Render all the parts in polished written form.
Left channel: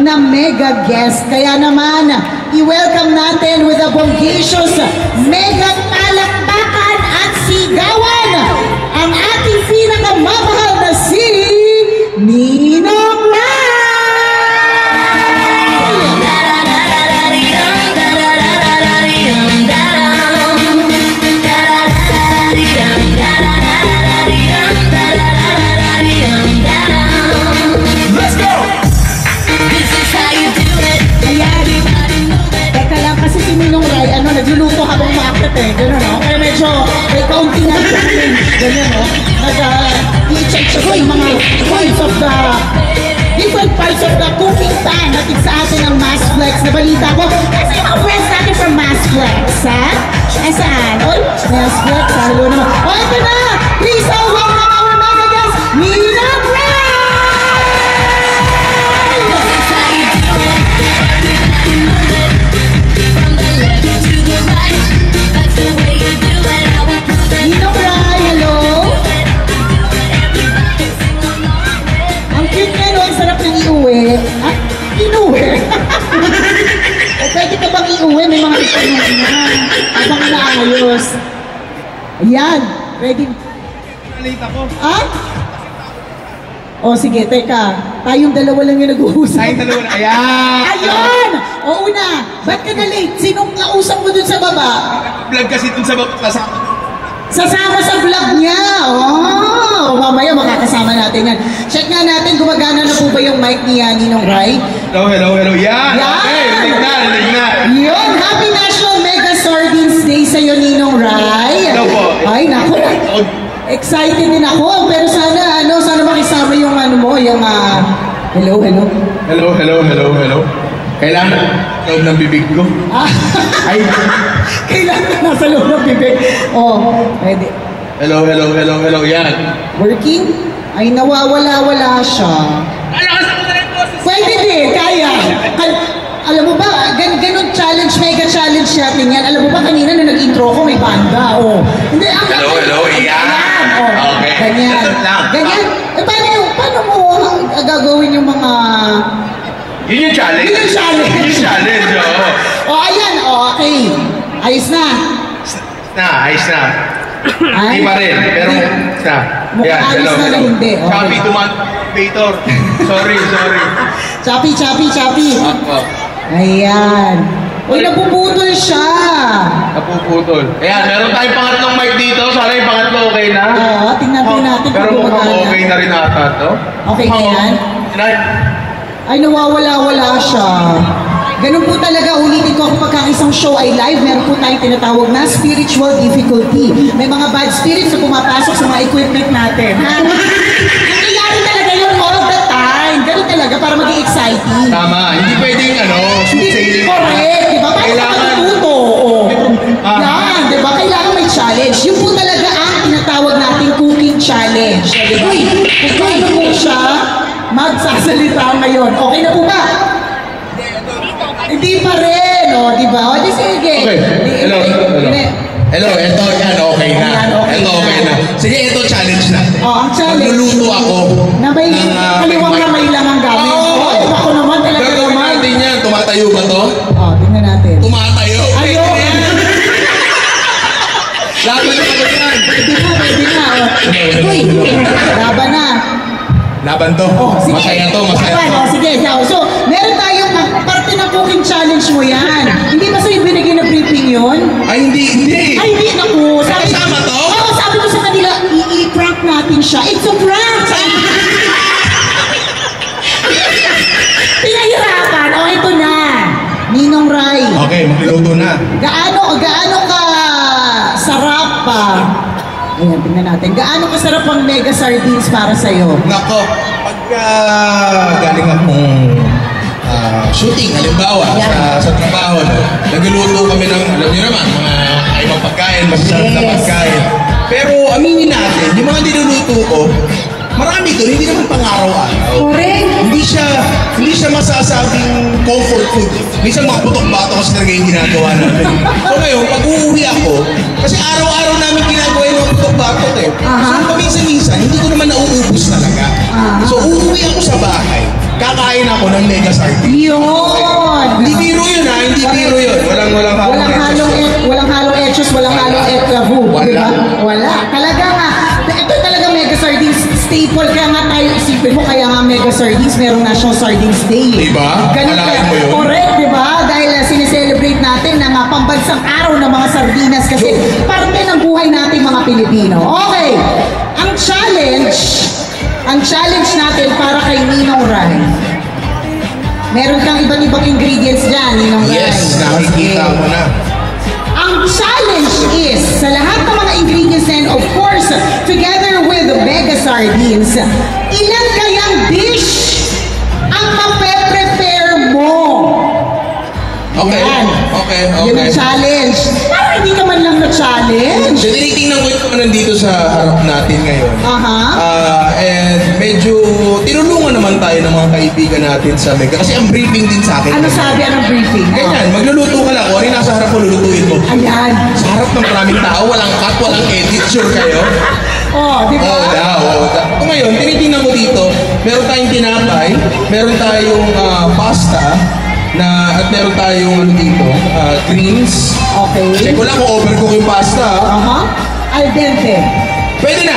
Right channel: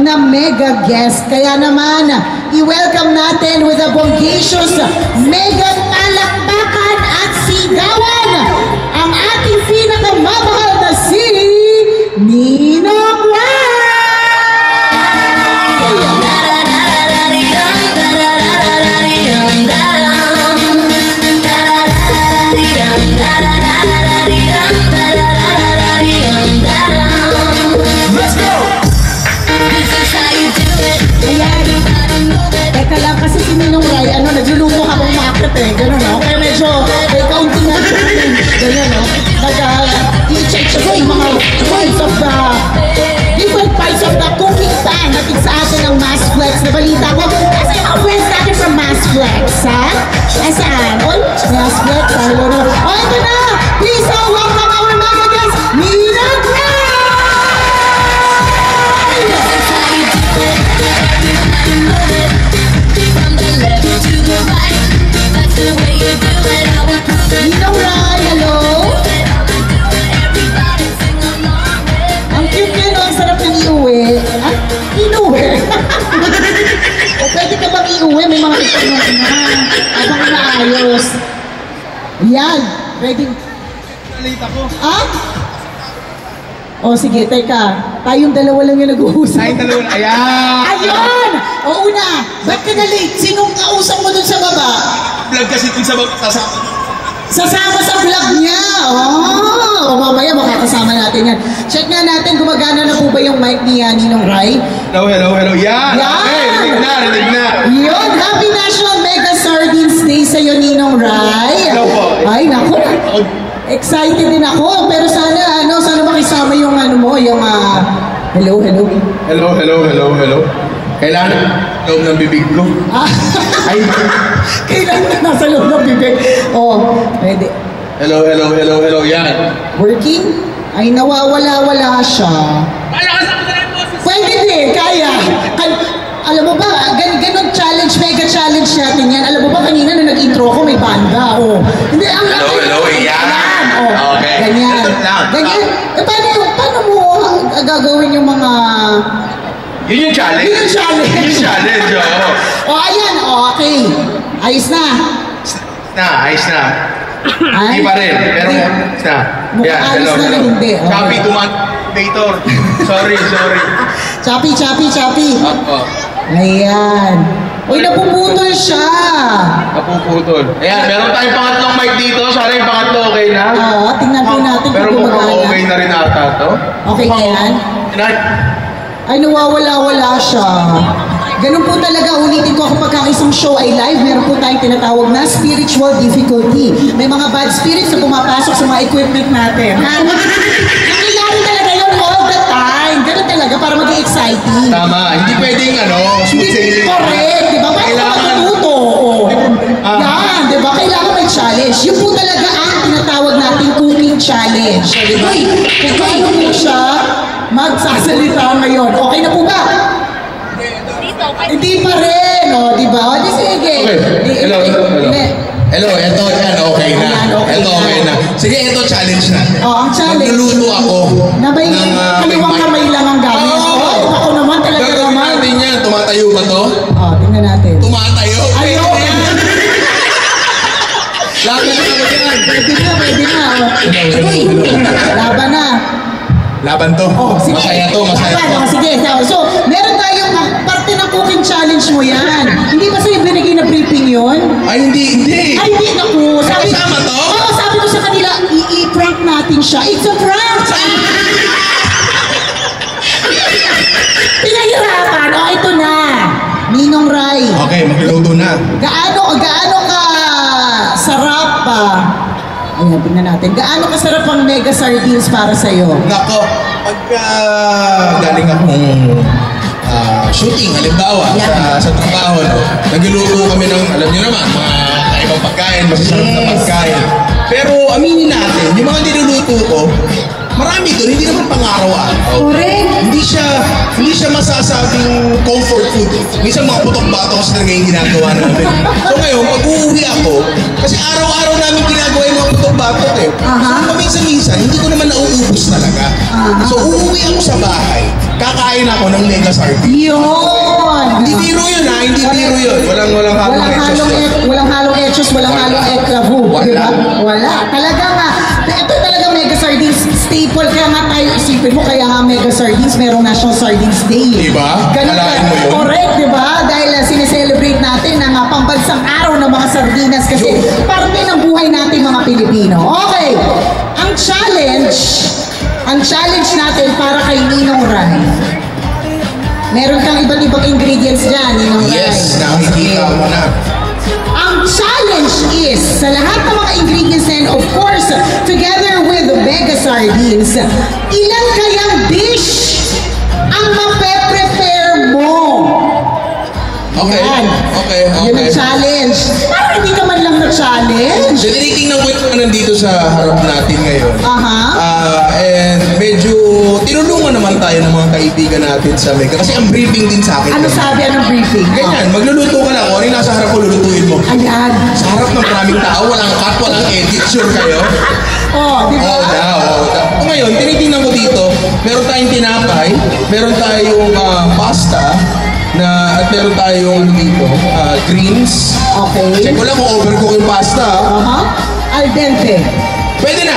na mega guest. Kaya naman, i-welcome natin with a bongacious mega palakpakan at sigawan ang ating pinakamamahal na si Ninong Rai! Let's go! This is how you do it. Ayan. Teka lang, kasi si Ninong Rai, nagluluto habang makakit eh. Gano'n, no? Kaya medyo, may kaunting na gano'n, no? I-check siya yung mga points of the, different parts of the cooking pan. Natin sa atin ang Mass Flex na balita ko. Kasi ang friends natin from Mass Flex, ha? Saan? Oy, Mass Flex, hello naman. O, ito na! Please, welcome our mega guest, Ninong Rai! Ninong Rai, hello? Ang cute niya, no? Ang sarap ng iuwi. Ha? Inuwi? O pwede ka bang iuwi? May mga itanong na. Habang naayos. Ayan. Ready? Nalita ko. Ha? O sige, teka. Tayong dalawa lang yung nag-uusap. Tayong dalawa. Ayan! Ayun! O una, ba't ka na late? Sinong kausap mo dun sa baba? Vlog kasi dun sa kasama. Sasama sa vlog niya! Oh, mamaya makakasama natin yan. Check nga natin, gumagana na po ba yung mic ni Ninong Rai? Hello, hello, hello. Yan! Yan! Okay, lig na. Yun! Happy National Mega Sardines Day sa'yo, Ninong Rai! Hello po. Ay, naku! Excited din ako, pero sana, sana makisama yung mo, yung hello, hello. Hello, hello, hello, hello. Kailangan loob ng bibig ko. Ay! Kailangan na nasa loob ng bibig. Oh, pwede. Hello, hello, hello, hello. Yan. Working? Ay, nawawala-wala siya. Kalakas ako na rin po. Pwede din, kaya. Alam mo ba, ganun challenge, mega challenge natin yan. Alam mo ba, kanina na nag-intro ko, may banda. Oh. Hindi, Hello, hello, yan. Oh, okay. Ganyan. Ganyan. Paano mo gagawin yung mga... Yun yung challenge. Yun yung challenge. Yun yung challenge, oo. Oh, ayan. Oh, okay. Ayos na. Ayos na. Ay, hindi pa rin, pero na. Mukhang ayos na na hindi. Okay. Copy to motivator. Sorry. Choppy. Opo. Ayan. Uy, napuputol siya. Napuputol. Ayan, meron tayong pangatlong mic dito. Sana yung pangatlo okay na. Oo, tingnan po natin pero kung mukhang gumagana. okay na rin ata to. Okay na yan? Ay, nawawala-wala siya. Ganun po talaga, ulitin ko kapag isang show ay live, meron po tayong tinatawag na spiritual difficulty. May mga bad spirits na pumapasok sa mga equipment natin. Nangyayari talaga yun all the time. Ganun talaga, para maging exciting. Tama, hindi pwedeng smooth sailing. Correct, di ba? Kailangan. Yan, di ba? Kailangan may challenge. Yun po talaga ang tinatawag nating cooking challenge. Di ba? Kaya po siya magsasalita ngayon. Okay na po ba? Hindi pa rin, di ba? O, di sige. Okay, hello. Hello, eto yan, okay na. Eto okay na. Sige, eto challenge na. Ang challenge. Magluluto ako. Na may kaliwang kamay lang ang gamit. Ako naman talaga naman. Gagawin natin yan. Tumatayo ba to? Tingnan natin. Tumatayo? Ayun! Lahat na nakagataan. Pwede na. Uy, laban na. Laban to. Sige. Masaya to, masaya to. Sige, so, meron tayong parte ng cooking challenge mo yan. Hindi ba sa'yo binigay na briefing yun? Ay, hindi. Ay, hindi. Naku. Kasama to? Oo, sabi ko sa kanila, i-prank natin siya. It's a prank! Pinahirapan. O, ito na. Ninong Rai. Okay, magluluto na. Gaano ka sarap pa? Ayan, tingnan natin. Gaano kasarap ang mega sardines para sa'yo? Nako, pagka galing akong shooting, halimbawa, sa trabaho, nagluluto kami ng, alam niyo naman, mga ibang pagkain, masasarap na pagkain. Pero aminin natin, yung mga niluluto ko, marami doon, hindi naman pang-araw-araw. Correct. Hindi siya masasabing comfort food. Minsan mga putok-batok kasi talaga yung ginagawa natin. So ngayon, pag uuwi ako, kasi araw-araw namin ginagawa yung mga putok-batok eh. So minsan-minsan, hindi ko naman nauubos talaga. So uuwi ako sa bahay, kakain ako ako ng mega sardines. Yun! Hindi biro yun ha, hindi biro yun. Walang Walang halong etchos, walang halong eklavu. Wala. Diba? Wala. Talaga nga, ito talaga mega sardines staple. Kaya nga tayo isipin mo, kaya nga mega sardines, merong National Sardines Day. Diba? Ganun Alain ka. mo yun? Correct, diba? Dahil sineselebrate natin na nga pambansang araw ng mga sardinas kasi parte ng buhay natin mga Pilipino. Okay, ang challenge natin para kay Ninong Rai. Meron kang iba't ibang ingredients dyan, Ninong Rai. Yes, nakikita ko na. Ang challenge is, sa lahat ng mga ingredients and of course, together with the mega sardines, ilan kayang dish ang mape-prepare mo? Okay, Yan. okay. Yun ang challenge. Parang hindi naman lang na-challenge. So, tinitingnan ko yung nandito sa harap natin ngayon. Aha. And medyo tinulungan naman tayo ng mga kaibigan natin sa Mega. Kasi ang briefing din sa akin. Ano sabi ang briefing? Ganyan, magluluto ka lang. Kung ano yung nasa harap mo, lulutuin mo. Ayan. Sa harap ng maraming tao, walang cut, walang edit. Sure kayo? Oh, di ba? Oo daw. So, ngayon, tinitingnan ko dito, meron tayong tinapay, meron tayong pasta, at meron tayong dito, greens. Okay. Check ko lang kung overcook yung pasta. Al dente. Pwede na.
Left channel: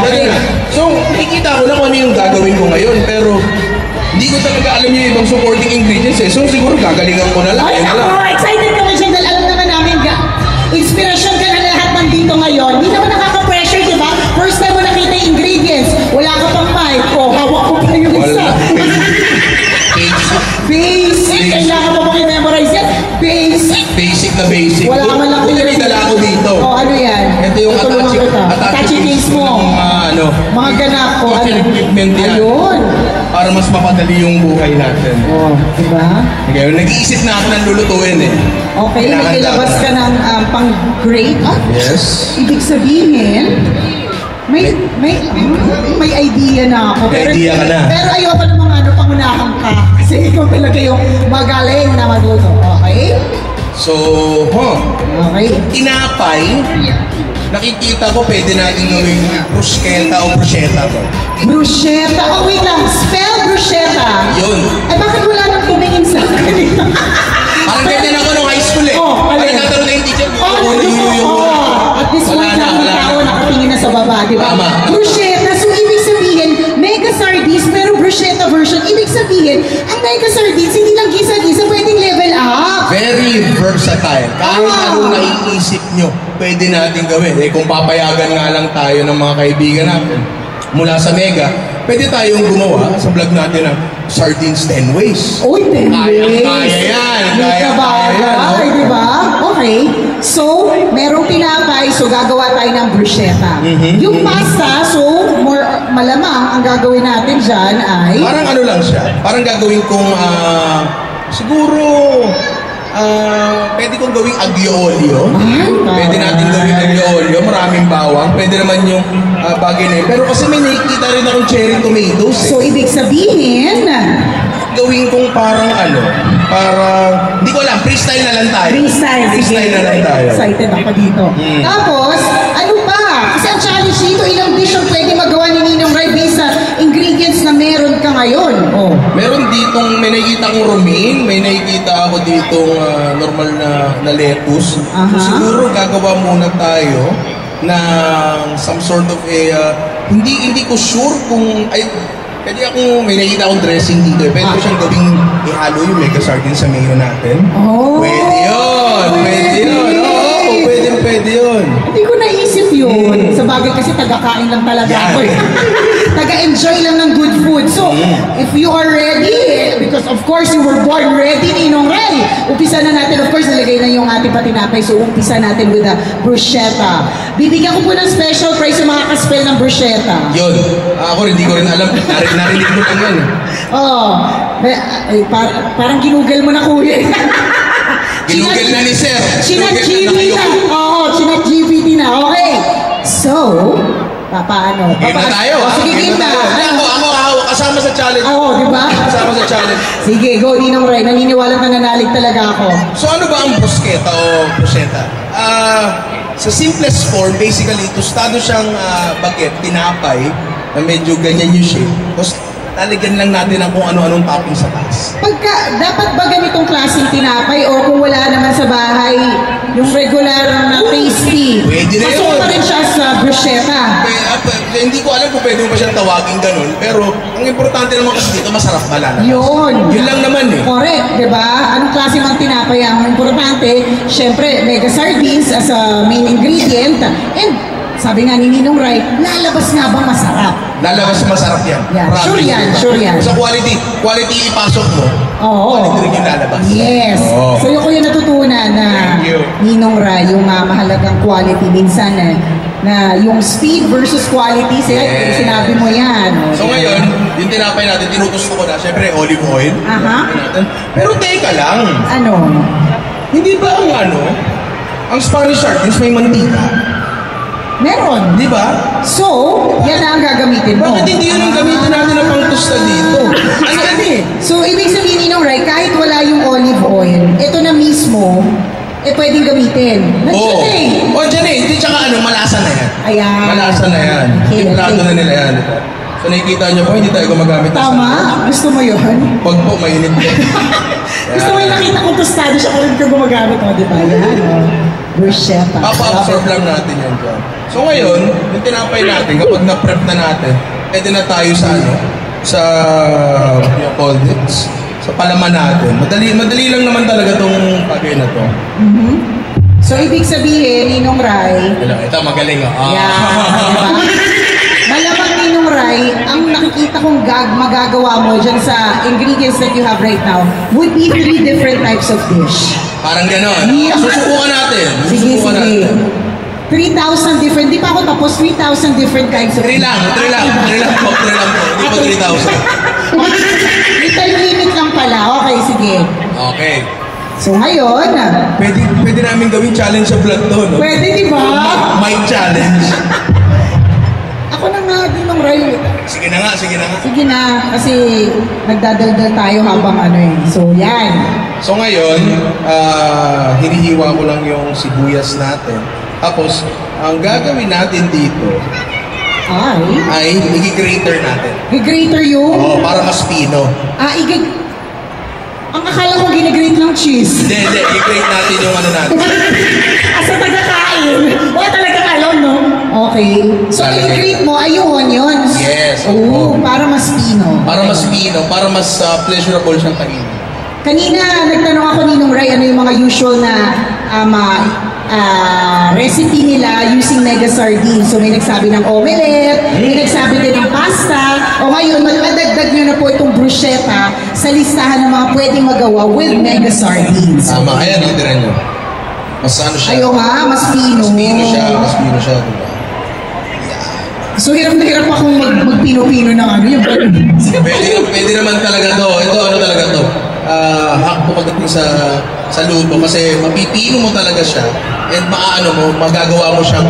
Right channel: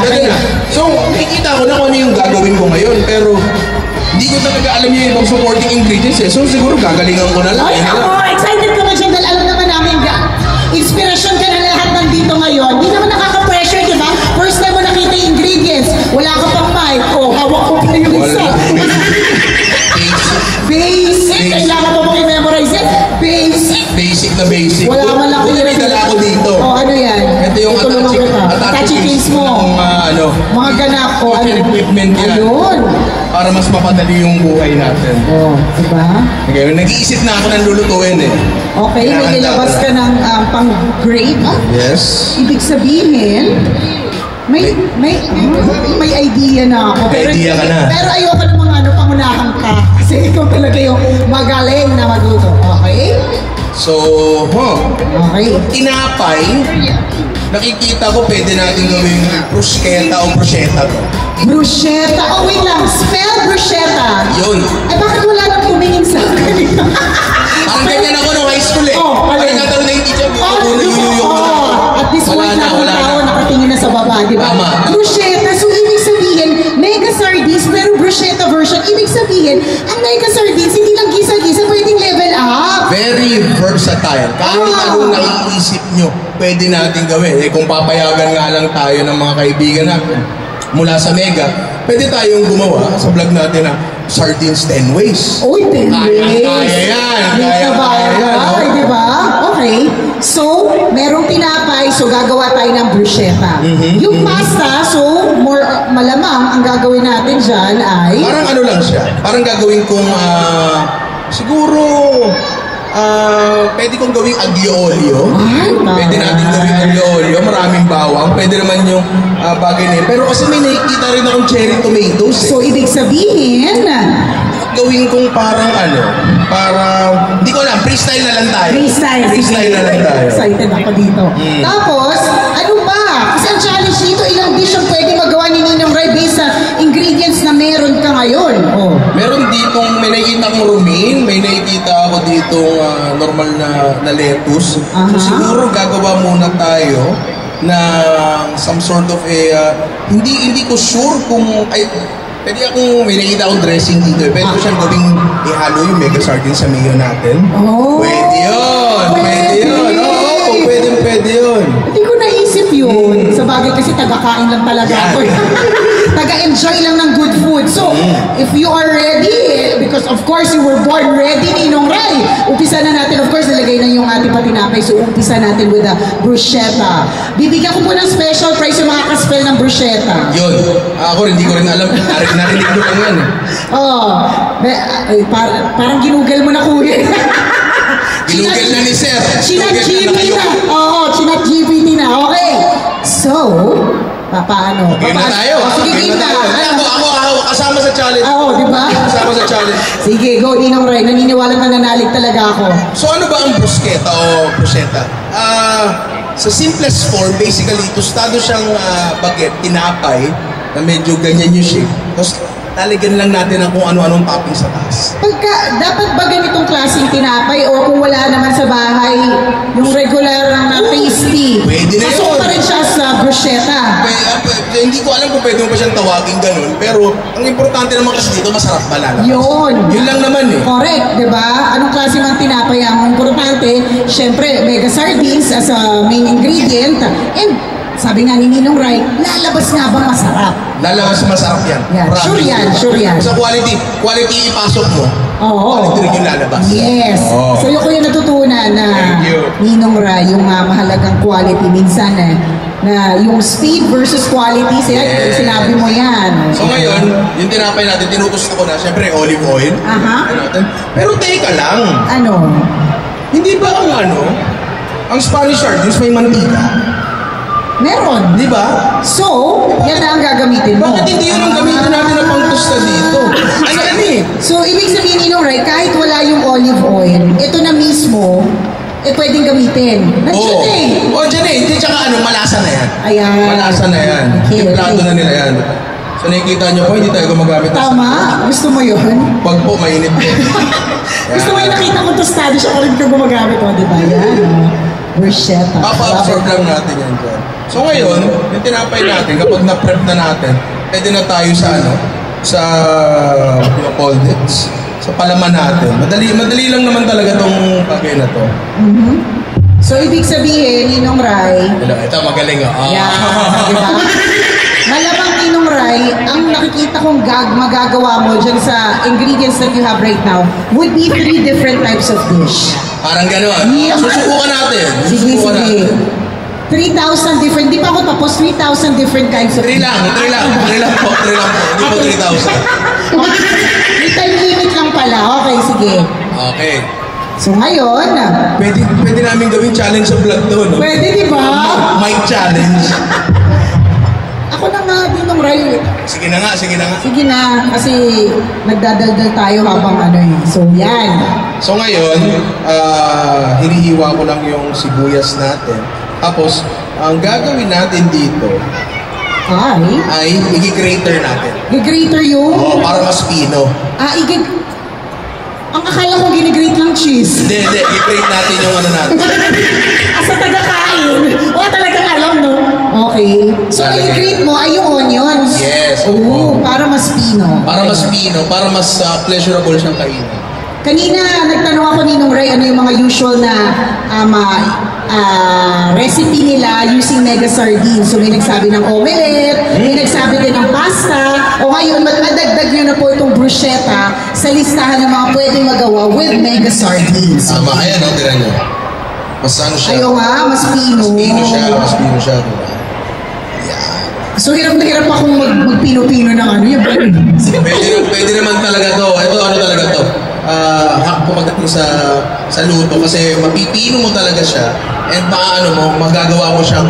Okay. So, nakikita ko na kung ano yung gagawin ko ngayon, pero hindi ko talaga alam yung ibang supporting ingredients eh. So, siguro gagalingan ko na lang. Ay, ako, excited ka ba siya dahil alam naman namin inspiration ka na lahat ng dito ngayon. Hindi naman nakaka-pressure, di ba? First time mo nakita yung ingredients. Wala ka pang mic. Oh, hawak ko pa yung isa. Basic. Kailangan mo i-memorize yan. Basic na basic. Wala man lang may dala ako dito. Oh, ano yan? Ito yung attaching case mo. Mga ganap ko. Kitchen equipment yan. Ayun. Para mas mapadali yung buhay natin. Oh, diba? Okay, nag-iisip na ako ng lulutuin eh. Okay, may ilabas ka ng pang-grade. Yes. Ibig sabihin, may idea na ako. May idea ka na. Pero ayoko pa namang pangunahan ka. Kasi ikaw talaga yung magaling na magluto. Okay? So, Okay. tinapay, nakikita ko pwede natin gawing bruschetta o bruschetta to. Bruschetta. Oh, wait lang. Spell bruschetta. Yun. Eh, bakit wala nang tumingin sa akin? Parang ganyan ako nung high school eh. Parang nagkaroon na yung teacher. At this point, Wala tao na. nakatingin na sa baba, di ba? Tama. Bruschetta. So, ibig sabihin, mega sardines, pero bruschetta version. Ibig sabihin, ang mega sardines, hindi lang gisa-gisa, pwedeng level up. Very versatile. Kahit anong naiisip nyo, pwede natin gawin. Eh kung papayagan nga lang tayo ng mga kaibigan natin mula sa Mega, pwede tayong gumawa sa vlog natin ng Sardines 10 Ways. Uy, 10 ways. Kaya yan. Ay, di ba? Okay. So, merong tinapay, so gagawa tayo ng bruschetta. Yung pasta, so malamang ang gagawin natin dyan ay... Parang ano lang siya. Parang gagawin kong siguro pwede kong gawing aglio olio. Pwede natin gawing aglio olio. Maraming bawang. Pwede naman yung bagay na yun. Pero kasi may nakikita rin akong cherry tomatoes eh. So, ibig sabihin... Gawin kong parang hindi ko alam, freestyle na lang tayo. Freestyle na lang tayo. Excited ako dito. Tapos, ano ba? Kasi ang challenge dito, ilang dish ang pwede magawa ni Ninong Rai based sa ingredients na meron ka ngayon. Oh. Meron ditong, may nakikita akong romaine, may nakikita ako ditong normal na lettuce. So siguro gagawa muna tayo na some sort of hindi ko sure kung pwede akong, may nakita akong dressing dito. Pwede ko siyang gawing ihalo yung mega sardines sa mayo natin. Oh, pwede yun. Oo, pwede yun. Hindi ko naisip yun. Sa bagay kasi taga-kain lang talaga ako. Taga-enjoy lang ng good food. So, if you are ready, because of course you were born ready, Ninong Rai, umpisa na natin. Of course, nalagay na yung ating patinapay. So, umpisa natin with the bruschetta. Bibigyan ko po ng special prize yung mga kaspel ng bruschetta. Yun. Ako hindi ko rin alam. Narinig ko lang yan. Parang ginugel mo na kuya. Ginugel na ni Sir. Chinat-GPT na. Oo, chinat-GPT na. Okay. So, paano? Game na tayo. Sige, game na. Ako, kasama sa challenge. Oo, di ba? Kasama sa challenge. Sige, go, Ninong Rai. Naniniwalang nananalig talaga ako. So, ano ba ang bruschetta o bruschetta? Sa simplest form, basically, tostado siyang baget, tinapay, na medyo ganyan yung shape. Tapos, lalagyan lang natin ang kung ano-anong topping sa taas. Dapat ba ganitong klaseng tinapay or kung wala naman sa bahay, yung regular na tasty? Pwede na pasok yun. pa rin siya sa bruschetta. Hindi ko alam kung pwede mo pa siyang tawagin ganun, pero ang importante naman kasi dito, masarap malala. Yun lang naman eh. Correct, di ba? Anong klase ng tinapay ang importante? Siyempre, mega sardines as a main ingredient. And sabi nga ni Ninong Rai, lalabas nga ba masarap? Lalabas masarap yan. Yeah. Sure yan. Sa quality ipasok mo. Oo. Quality rin yung lalabas. Yes. Oo. So yung ko yung natutunan na Thank you. Ninong Rai, yung mahalagang quality minsan na yung speed versus quality, sinabi mo yan. So ngayon, yung tinapay natin, tinutusto ko na, syempre olive oil. Aha. Pero teka lang, Ano? hindi ba ang Spanish sardines may mantika? Meron. Di ba? So, yan na ang gagamitin mo. Bakit hindi yun ang gamitin natin na pang-tosta dito? Ano yan eh? So, ibig sabihin Ninong Rai, kahit wala yung olive oil, ito na mismo, pwedeng gamitin. Nandiyan eh. Oo, dyan eh. Hindi, tsaka malasa na yan. Ayan. Malasa na yan. Okay, Timplado na nila yan. So nakikita niyo po, hindi tayo gumagamit ng Tama? Gusto mo yun? Huwag po, mainit po. Gusto mo yung nakita kong tostado siya kung hindi ka gumagamit mo, di ba? Yan. Bruschetta. Papa-absorb lang natin yan dyan. So ngayon, yung tinapay natin, kapag na-prep na natin, pwede na tayo sa called it, sa palaman natin. Madali lang naman talaga itong bagay na to. Mm-hmm. So ibig sabihin, Ninong Rai, Ito, magaling ah. yeah, diba? Malamang Ninong Rai, ang nakikita kong magagawa mo dyan sa ingredients that you have right now would be 3 different types of dish. Parang gano'n. Yeah. Susubukan natin. Sige. Natin. 3,000 different, di pa ako tapos, 3,000 different types of 3 lang po. Hindi po 3,000. May time limit lang pala. Okay, sige. Okay. So ngayon, Pwede namin gawin challenge sa vlog to, no? pwede di ba? Mic challenge. Ako na nga din ng Rai. Sige na nga. Sige na, kasi nagdadaldal tayo habang So yan. So ngayon, hinihiwa ko lang yung sibuyas natin. Tapos, ang gagawin natin dito ay i-grater natin. I-grater yung? Oo, para mas pino. Ang akala ko ginigrate lang cheese. Hindi, i-grate natin yung natin. Asa taga-kain. Wala talagang alam, no? Okay. So, i-grate mo ay yung onions. Yes. Oo, para mas pino. Para mas pino, para mas pleasurable siyang kainin. Kanina, nagtanong ako ni Ninong Rai, ano yung mga usual na recipe nila using mega sardines. So may nagsabi ng omelette, may nagsabi din ng pasta, o ngayon madagdag nyo na po itong bruschetta sa listahan ng mga pwedeng magawa with mega sardines. Tama, ayan ang tira nyo. Mas siya? Ayaw nga, mas pino. Mas pino siya. Diba? So hirap na hirap akong magpino-pino ng yung Pwede naman talaga to. Ito, talaga to. Hakpo pagdating sa luto kasi mapipino mo talaga siya and magagawa mo siyang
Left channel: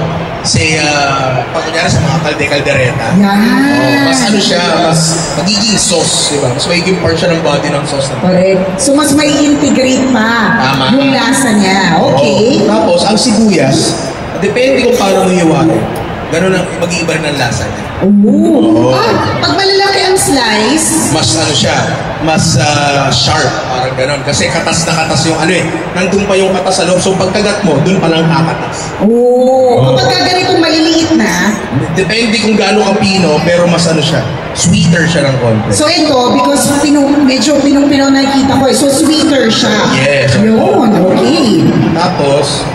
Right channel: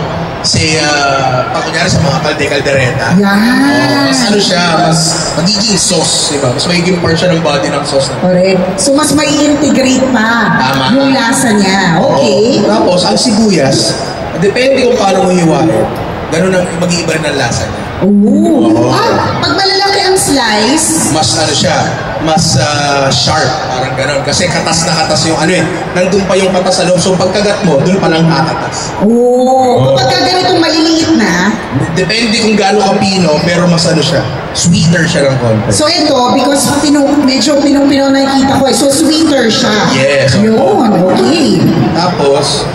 kunyari sa mga kalde-kaldereta. Yan. Mas siya, mas magiging sauce, diba? Mas magiging part siya ng body ng sauce. Correct. So mas may integrate pa yung lasa niya. Okay. Tapos, ang sibuyas, depende kung paano mo hiwain. Ganun ang mag-iiba ng lasa niya. Ooh. Pag malalaki ang slice, mas mas sharp, parang ganun. Kasi katas na katas yung nandun pa yung katas sa loob. So pagkagat mo, dun pa lang kakatas. Kapag ganitong maliliit na, depende kung gaano kapino, pero mas siya, sweeter siya ng konti. So ito, because medyo pinong-pino nakikita ko so sweeter siya. Yes. Yun, okay. Tapos,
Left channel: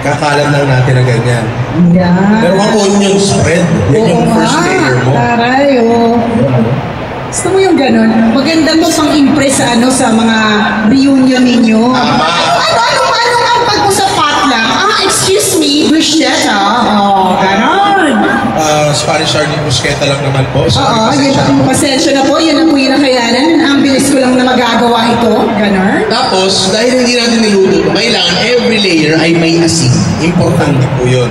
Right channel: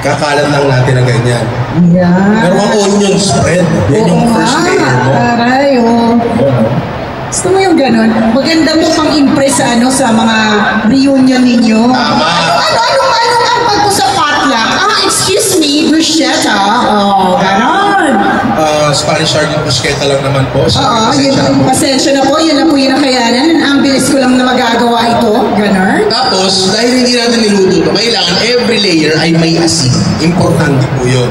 kakalat lang natin na ganyan. Yan. Pero ang onion spread, yan yung first layer mo. Taray, Gusto mo yung ganun? Maganda mo pang impress sa mga reunion ninyo. Ano pag mo sa potluck? Excuse me, bruschetta. Ganon. Spanish sardine bruschetta lang naman po. Yun, pasensya na po. Yun na po yung nakayanan. Ang bilis ko lang na magagawa ito. Ganon. Tapos, dahil hindi natin niluto ito, kailangan every layer ay may asin. Importante po yun.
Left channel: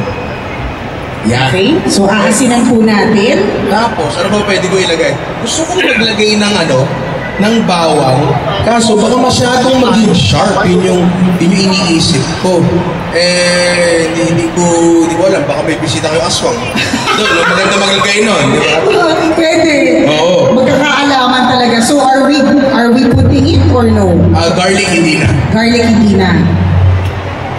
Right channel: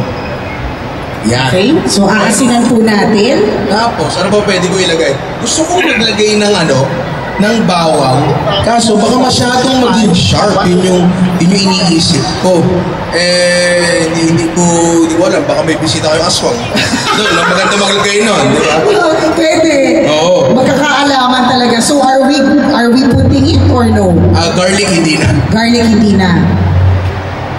Yan. Okay, so aasinan po natin. Tapos, ano ba pwede ko ilagay? Gusto kong maglagay ng ng bawang. Kaso baka masyadong maging sharp. Yun yung iniisip ko. Hindi ko alam. Baka may bisita kayong aswang. Doon, maganda maglagay nun. Di ba? Pwede. Oo. Magkakaalaman talaga. So are we putting it or no? Garlic hindi na. Garlic hindi na.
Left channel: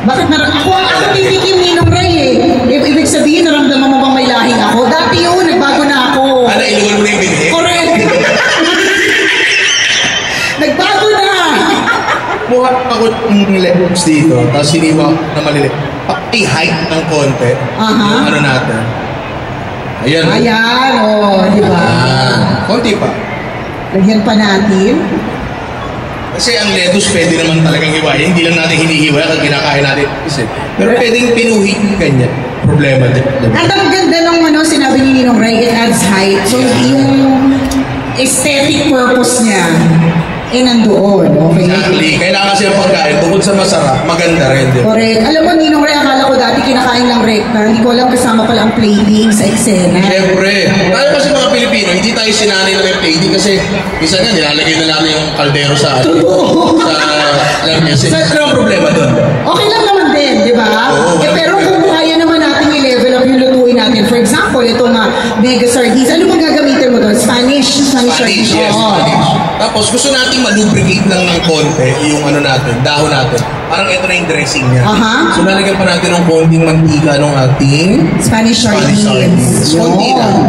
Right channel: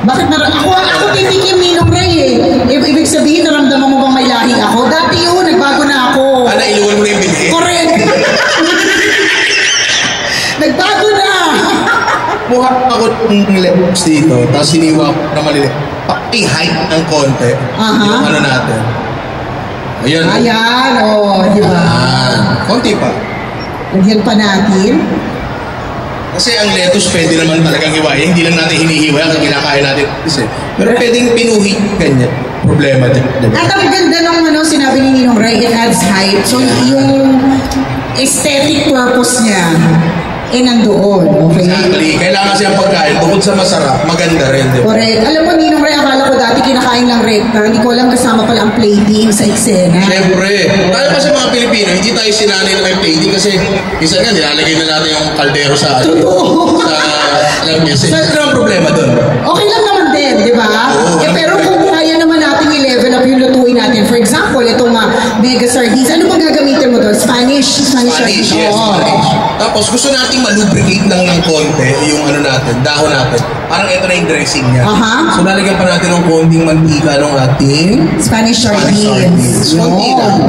Bakit ako titikim Ninong Ray eh. Ibig sabihin, naramdaman mo bang may lahing ako? Dati yun, nagbago na ako. Inuwan mo na yung binhi? Correct. Nagbago na. Mukha ako ng lips dito, tapos siniwa ko na malilit. I-height ng konti. Ano natin? Ayan. Di ba? Konti pa. Lagyan pa natin. Kasi ang lettuce pwede naman talagang hiwain. Hindi lang natin hinihiwa kasi kinakain natin. Pero pwedeng pinuhi ganyan. Problema din. At ang ganda nung sinabi ni Ninong Ray, it adds height. So yung aesthetic purpose niya nandoon. Okay? Exactly. Kailangan kasi ang pagkain, bukod sa masarap, maganda rin. Correct. Alam mo, Ninong Ray, akala ko dati kinakain lang rekta. Hindi ko alam kasama pala ang plating sa eksena. Siyempre. Tayo kasi mga Pilipino, hindi tayo sinanay na may plating kasi isa nga, nilalagay na natin yung kaldero sa alam niya. Ano ang problema doon? Okay lang naman din, di ba? Pero kung kaya naman natin i-level up yung lutuin natin. For example, itong mega sardines. Ano bang gagamitin mo doon? Spanish, yes, Spanish. Tapos gusto nating malubricate lang ng konti yung natin, dahon natin. Parang ito na yung dressing niya. So lalagyan pa natin ng konting mantika ng ating Spanish sardines. Konti lang.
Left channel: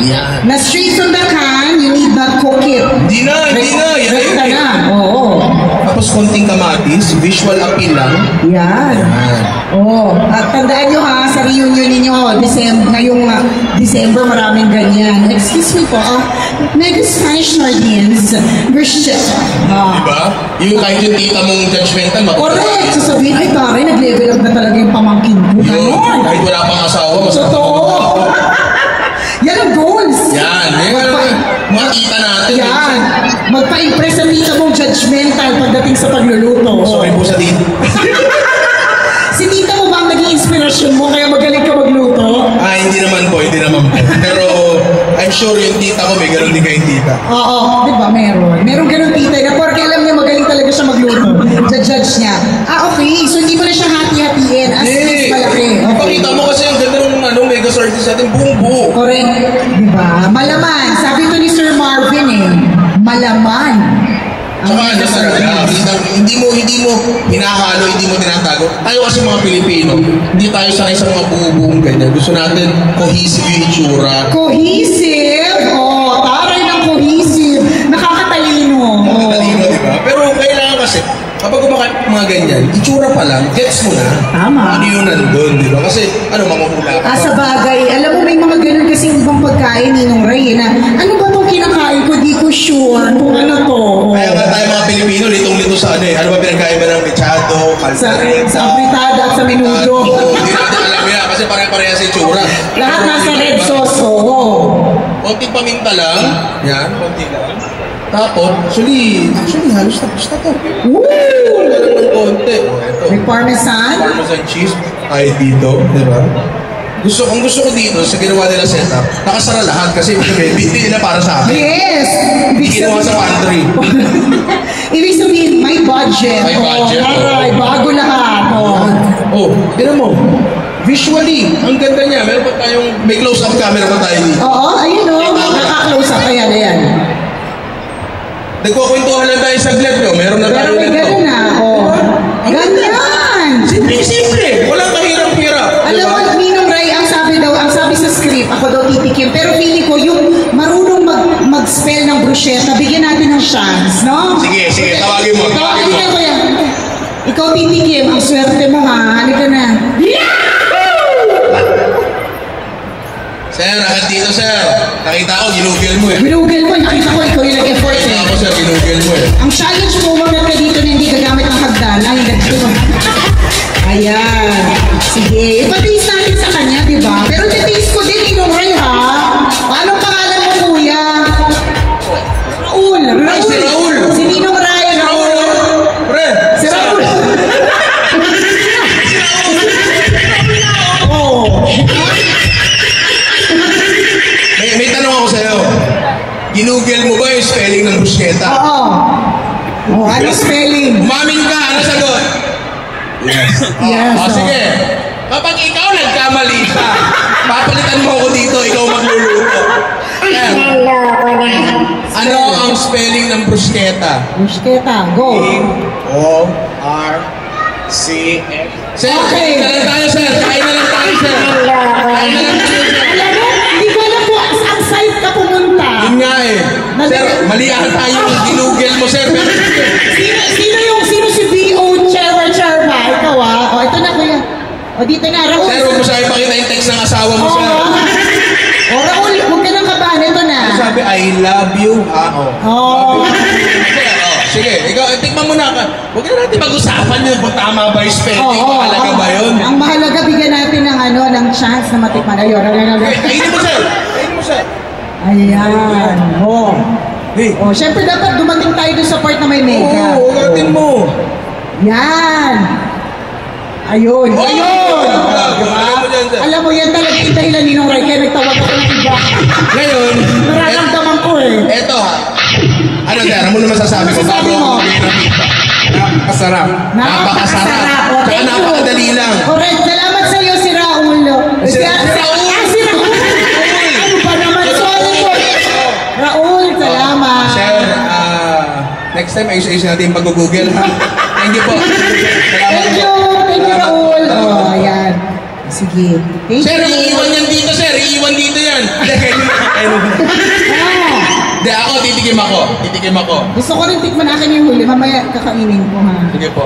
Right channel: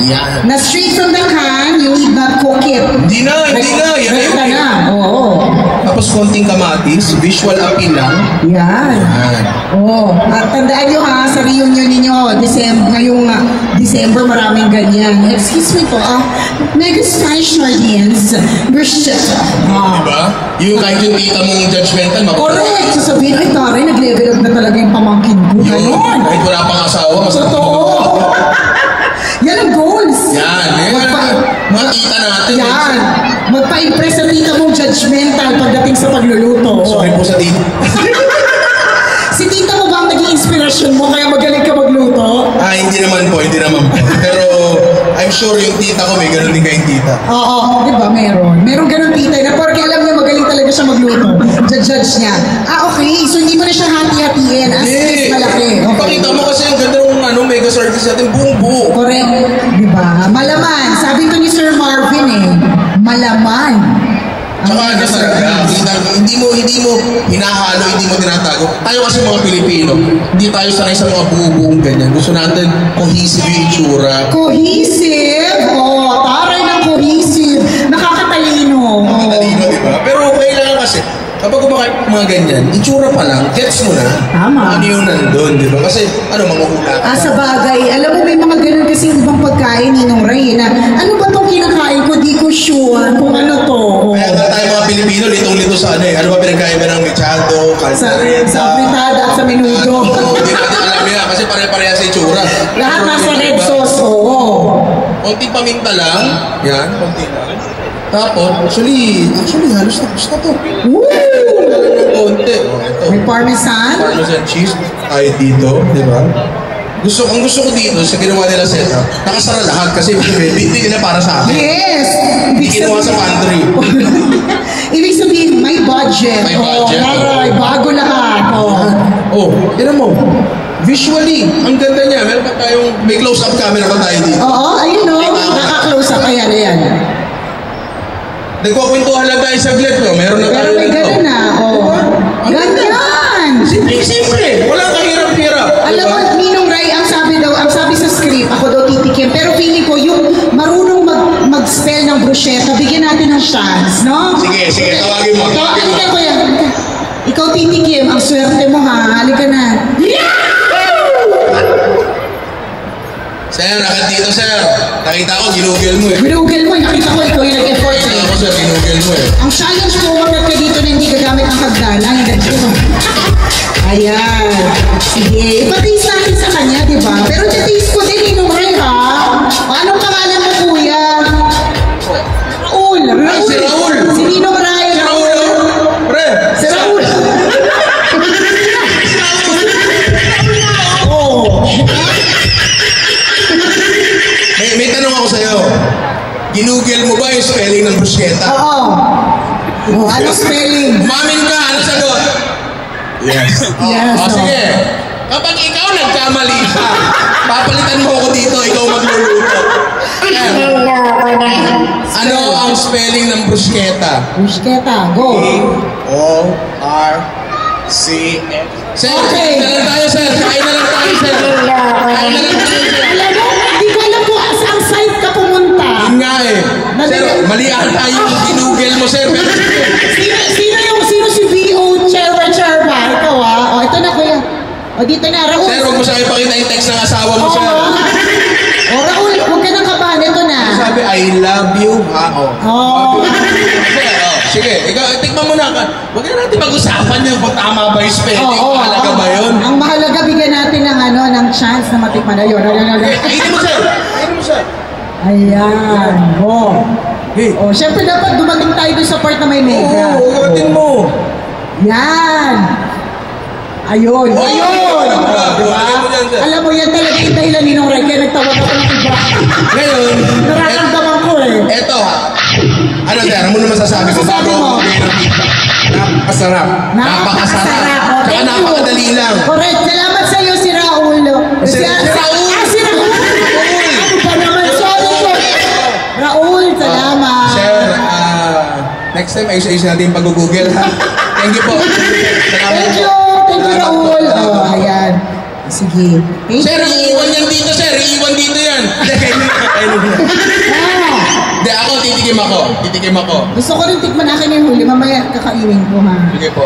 Yan. Na straight from the can, you need not cook it. Hindi na. Yan na. Oo. Tapos konting kamatis, visual appeal lang. Yan. At tandaan nyo sa reunion ninyo, ngayong December, maraming ganyan. Excuse me po, mega Spanish sardines versus diba? Yung kahit yung tita mong judgmental, correct! Sasabihin, ay taray, nag-level up na talaga yung pamangkin ko. Ganon! Kahit wala pang asawa. Totoo! Yan ang goals! Yan! Makita natin. Yan! Magpa-impress sa tita mong judgmental pagdating sa pagluluto. Sorry po sa tita. Si tita mo ba ang naging inspirasyon mo kaya magaling ka magluto? Hindi naman po. Pero I'm sure yung tita ko may ganun din kayong tita. Oo, di ba? Meron ganun tita na porque alam niya magaling talaga siya magluto. Judge niya. Okay. So hindi mo na siya hati-hatiin as malaki. Pakita mo kasi ang ganda ng mega sardines natin, buong-buo. Correct. Di ba? Malaman. Sabi ito ni Sir Marvin malaman. Hindi mo hinahalo, hindi mo tinatago. Tayo kasi mga Pilipino, hindi tayo sanay sa mga buong ganyan. Gusto natin cohesive yung itsura. Cohesive? Taray ng cohesive. Nakakatalino. Nakakatalino, di ba? Pero kailangan kasi, kapag kumakain mga ganyan, itsura pa lang, gets mo na. Tama. Ano yung nandun, di ba? Kasi, mamahula. Sa bagay, alam mo may mga ganun kasing ibang pagkain Ninong Ray na, ano ba itong kinakain ko? Di ko sure kung ano to. Kaya nga tayo mga Pilipino, litong-lito sa ano ba pinagkain mo ng mechado, caldereta, sa fritada at sa menudo. Hindi natin alam yan kasi pare-pareha sa itsura. Lahat nasa red sauce, konting paminta lang. Yan, konti lang. Tapos, actually, halos tapos na to. Woo! Wala lang ng konti. May parmesan. Parmesan cheese. Ay, dito, di ba? Ang gusto ko dito sa ginawa nila setup, nakasara lahat kasi hindi nila para sa akin. Yes! Hindi kinuha sa pantry. Ibig sabihin, may budget. May budget. Bago lahat. Tignan mo. Visually, ang ganda niya. Meron pa may close-up camera pa tayo dito. Ayun naka-close up. Ayan. Nagkukwentuhan lang tayo sa vlog, no? Meron na tayo. Pero may ganun na. Ganyan! Simple. Walang kahirap-hirap. Alam mo, Ninong Ray, ang sabi sa script, ako daw titikim. Pero feeling ko, yung marunong mag-spell ng bruschetta, bigyan natin ng chance, no? Sige, tawagin mo. Ikaw titikim, ang swerte mo ha. Halika na. Sir, akit dito, sir. Nakita ko, ginugil mo Ginugil mo, nakita ko, ikaw yung nag-effort Nakita ko, sir, ginugil mo Ang challenge mo, umagat ka dito na hindi gagamit ng hagdan. Ayan. Sige, ipatiis natin sa kanya, di ba? Pero titiis ko din, Ninong Ray, ha? Anong pangalan mo, kuya? Raul. Si Raul. Si Ninong Ray. Si Raul. Pre. Si Raul. May tanong ako sa'yo. ginugel mo ba yung spelling ng bruschetta? Oo. Oh, ano spelling? Umamin ka, ano sagot? Yes. Yes, O, sige. Kapag ikaw nagkamali ka, papalitan mo ako dito, ikaw magluluto. Ayan. Ano ang spelling ng bruschetta? Bruschetta, go. O-R-C-F. Sir, Okay. kain na lang tayo, sir. Kain na lang tayo, sir. Kain na lang tayo, sir. Alam mo, hindi ko alam kung ang site ka pumunta. Yun nga eh. Sir, mali ata yung ginugel mo, sir. Pero, Sino si V.O. Cherba? Ikaw ah. O, ito na kuya. O, dito na, Raul. sir, huwag mo sa ipakita yung text ng asawa mo, sir. O, Raul, huwag ka nang kabahan. Ito na. Sabi, I love you. Oh. Sir, sige, ikaw, tikman mo na ka. Huwag na natin mag-usapan yun kung tama ba yung spelling. Mahalaga ba yun? Ang mahalaga, bigyan natin ng chance na matikman na yun. Okay, kainin mo, sir. Kainin mo, sir. Ayan. Oh. Hey. Oh, syempre dapat dumating tayo doon sa part na may mega. Oo, ugatin mo. Yan. Ayun. Oh, ayun. Diba? Alam mo yan talaga yung dahilan ni Nong Ray. Kaya nagtawag ako ng iba. Ngayon, Nararamdaman ko eh. eto. Ano, sir? Ano mo naman sasabi ko? Sasabi mo. Napakasarap. Napakasarap. Oh, Tsaka thank you. napakadali lang. Correct. Salamat sa iyo, si Raul. Si Raul. Si Raul. Ano ba naman? Sorry ko. Raul, salamat. Sir, next time ayos-ayos natin yung pag-google. Thank you po. Salamat Thank you. po. Thank you, Raul. Oh, ayan. Sige. Thank Sir, you. iiwan yan dito, sir. Iiwan dito yan. Ah, Hindi, ako, titikim ako. Titikim ako. gusto ko rin tikman akin yung huli. Mamaya kakainin ko ha. Sige po.